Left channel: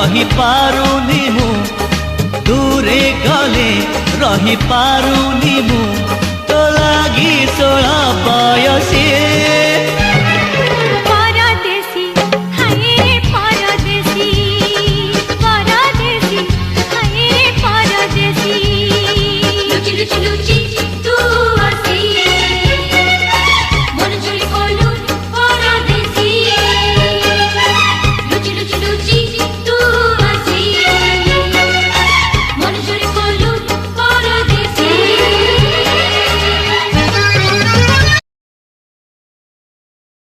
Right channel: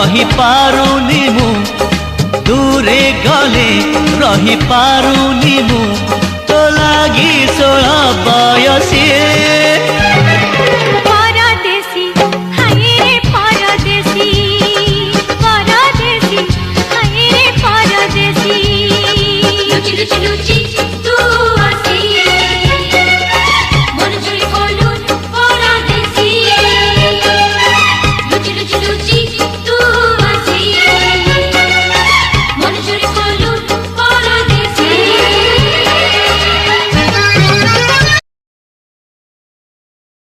रही पारुनी मु दूरे गले रही पारुनी मु तो लागी 16 बयसी